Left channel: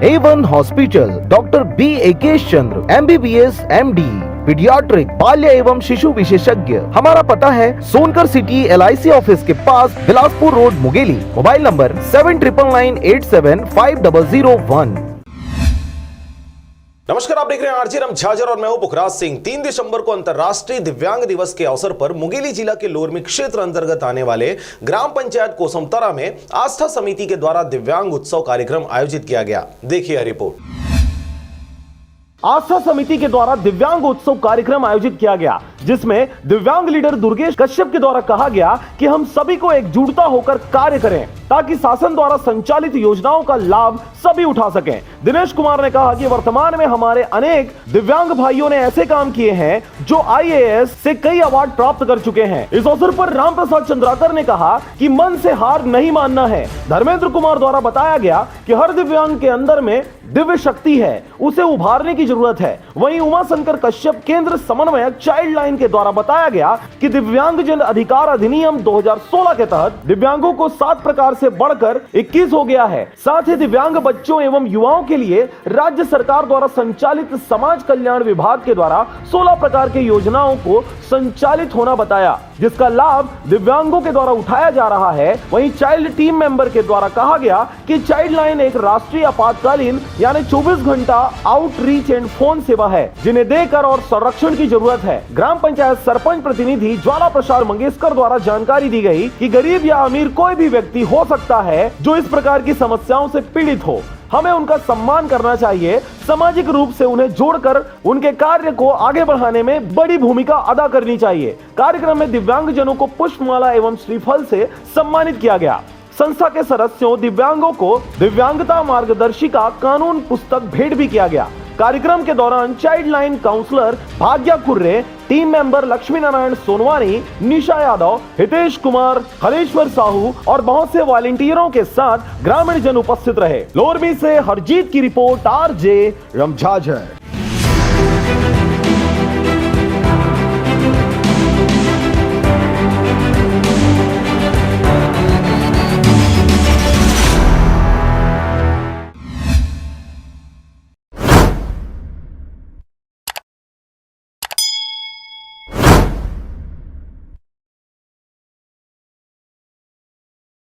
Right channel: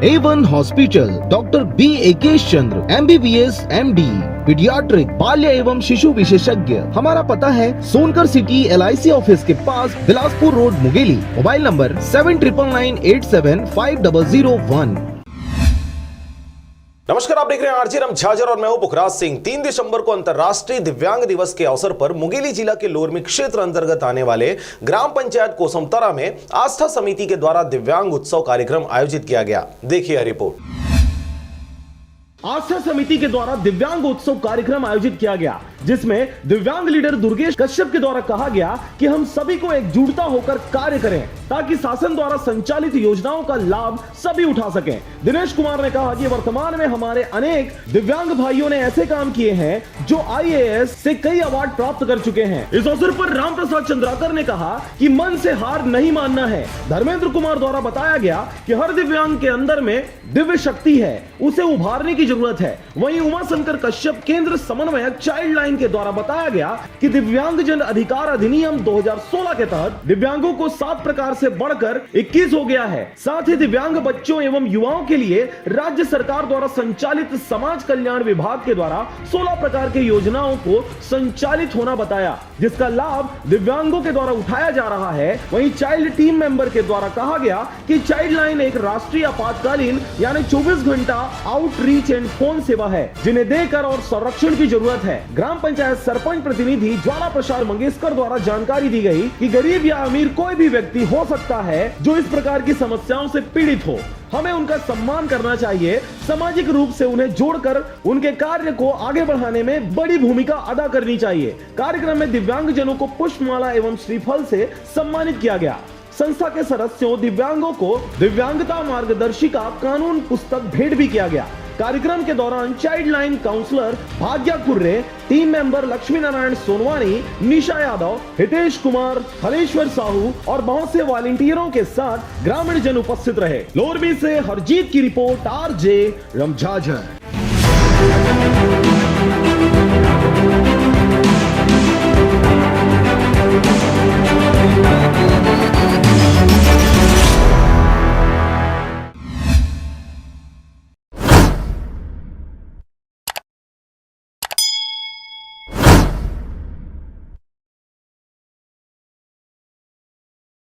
A1 hospital, doctor B एकेश चंद्र, MBBS MD, paediatric, बाल्य एवं शिशु विशेषज्ञ। हमारा पता है सोनकर सिटी LIC ऑफिस के पास, Bilaspur road, Mungeli. Mobile number 7999875001। नमस्कार, आप देख रहे हैं आरजे राम झाझर और मैं हूं पुखराज सिंह। 3 दिसंबर को अंतर्राष्ट्रीय दिव्यांग दिवस के अवसर पर मुंगेली जिला के लोरमी क्षेत्र अंतर्गत आने वाले ग्राम पंचायत कोसमतरा में आस्था समिति के द्वारा दिव्यांग उत्सव कार्यक्रम आयोजित किया गया। देखिए यह रिपोर्ट। आस्था समिति के द्वारा दिव्यांग उत्सव कार्यक्रम आयोजित किया गया, जिसमें दिव्यांग लीडर दुर्गेश कश्यप के द्वारा कहा गया कि हम सभी को एकजुटता होकर कार्य करें ताकि शासन द्वारा संचालित योजनाओं का लाभ सभी उठा सकें। दिनेश कुमार ने कहा कि वर्तमान में हमारे अनेक दिव्यांग भाइयों ने ऐसे काम किए हैं जो IAS से कई अवार्ड प्राप्त कर चुके हैं। इस अवसर पर राम प्रसाद चंद्राकर ने कहा कि मन से हार नहीं मानना है। धर्मेंद्र कुमार द्वारा बताया गया कि हर दिव्यांग के अंदर में दिव्य शक्ति है, उसे उभारने की जरूरत है। वहीं उमा शंकर कश्यप केंद्र समन्वयक चाइल्ड लाइन के द्वारा बताया गया कि दिव्यांगजन अधिकार अधिनियम 2016 के तहत दिव्यांगों को 7 प्रकार से बढ़कर 21 हो गया है। साथ ही दिव्यांग बच्चों एवं युवाओं के लिए राज्य सरकार द्वारा संचालित समाज कल्याण विभाग के द्वारा 16 प्रकार की योजनाओं को संचालित होना बताया, जिसका लाभ दिव्यांगों के द्वारा उठाया जा रहा है। वहीं चाइल्ड टीम मेंबर के द्वारा कहा गया कि चाइल्ड लाइन एक राष्ट्रीय आपातकालीन यानी 24 घंटा आउटरीच एंड फोन सेवा है, जिन्हें देकर और संरक्षण की जरूरत है। ग्राम पंचायत सरपंच प्रतिनिधि ज्वाला प्रसाद मंगेशकर द्वारा जानकारी दी गई कि गरीब या अमीर कोई भी व्यक्ति हो सकता है जो इस प्रकार की समस्याओं से पीड़ित हो। हमें उनका सम्मान करना चाहिए, सामाजिक रूप से उन्हें जोड़कर उनके कार्य को आगे बढ़ाने में बड़ी भूमिका अदा करनी चाहिए। कार्यक्रम में दिव्यांगजनों को पुष्पमाला एवं श्रीफल से सम्मानित किया गया। संस्था के सदस्यों दिव्यांगों को दिव्यांगता मार्गदर्शिका कानून पुस्तक भेंट भी किया गया। कार्यक्रम के दौरान child line counsellor Bhagya Kurre, team member Lakshmi Narayan Sonwani, Nisha Yadav, Hitesh Kumar, Hareshwar Sahu और बहुत से वॉलंटियरों के साथ ग्रामीण जन उपस्थित रहे। लोरमी से हरजीत की रिपोर्ट, आरजे राम झाझर।